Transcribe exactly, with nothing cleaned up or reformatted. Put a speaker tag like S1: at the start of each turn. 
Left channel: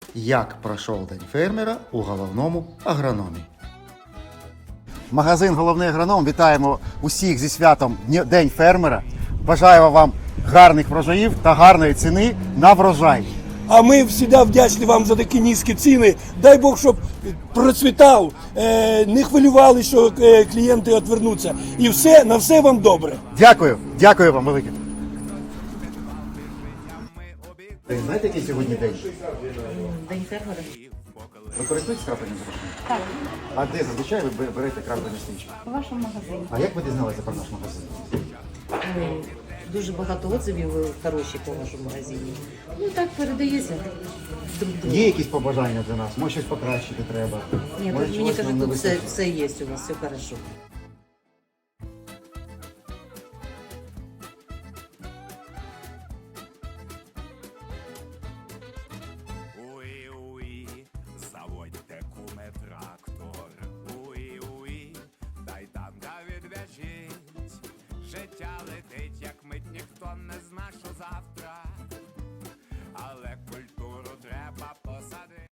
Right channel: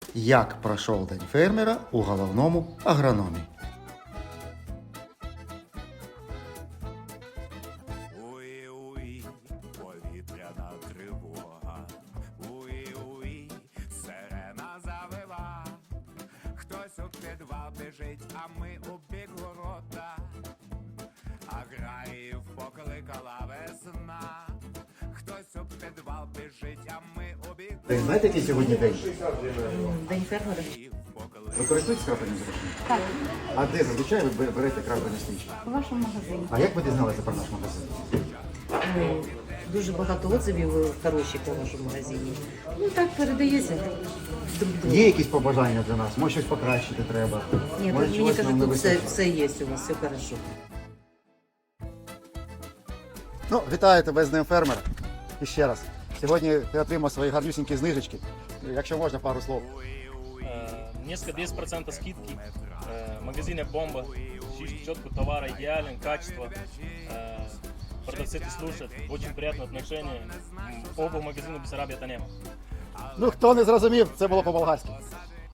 S1: Як пройшов день фермера у головному агрономі. Магазин «Головний агроном» вітаємо усіх зі святом День фермера. Бажаємо вам гарних врожаїв та гарної ціни на врожай.
S2: А ми завжди вдячні вам за такі низькі ціни. Дай Бог, щоб процвітав, не хвилювали, що клієнти відвернуться. І все, на все вам добре.
S1: Дякую, дякую вам велике. Ви знаєте, який сьогодні день?
S3: День фермера.
S1: Ви користуєтесь крапельним зрошенням?
S3: Так,
S1: А де зазвичай ви берете крапельні стрічки?
S3: у вашому магазині.
S1: А як ви дізналися про наш магазин?
S3: Ой, дуже багато отзивів хороших у вашому магазині. Ну так передається друг другу.
S1: Є якісь побажання для нас? Може щось покращити треба?
S3: Ні,
S1: Може,
S3: тут, мені
S1: чогось
S3: кажуть,
S1: нам не
S3: тут все,
S1: вистачить?
S3: все є у вас, все хорошо.
S1: Ну, вітаю тебе з Днем фермера. І ще раз. Сьогодні ти отримав свої гарнюсінькі знижечки. Якщо можна, пару слов.
S4: Несколько десять процентов скидки. Э, В магазине «Бомба». Четко товара идеален, качество. Э, Продавцы слушают, очень приятное отношение. Оба магазина Бессарабия Танема.
S1: Ну, хто не зрозумів, це було по-болгарськи.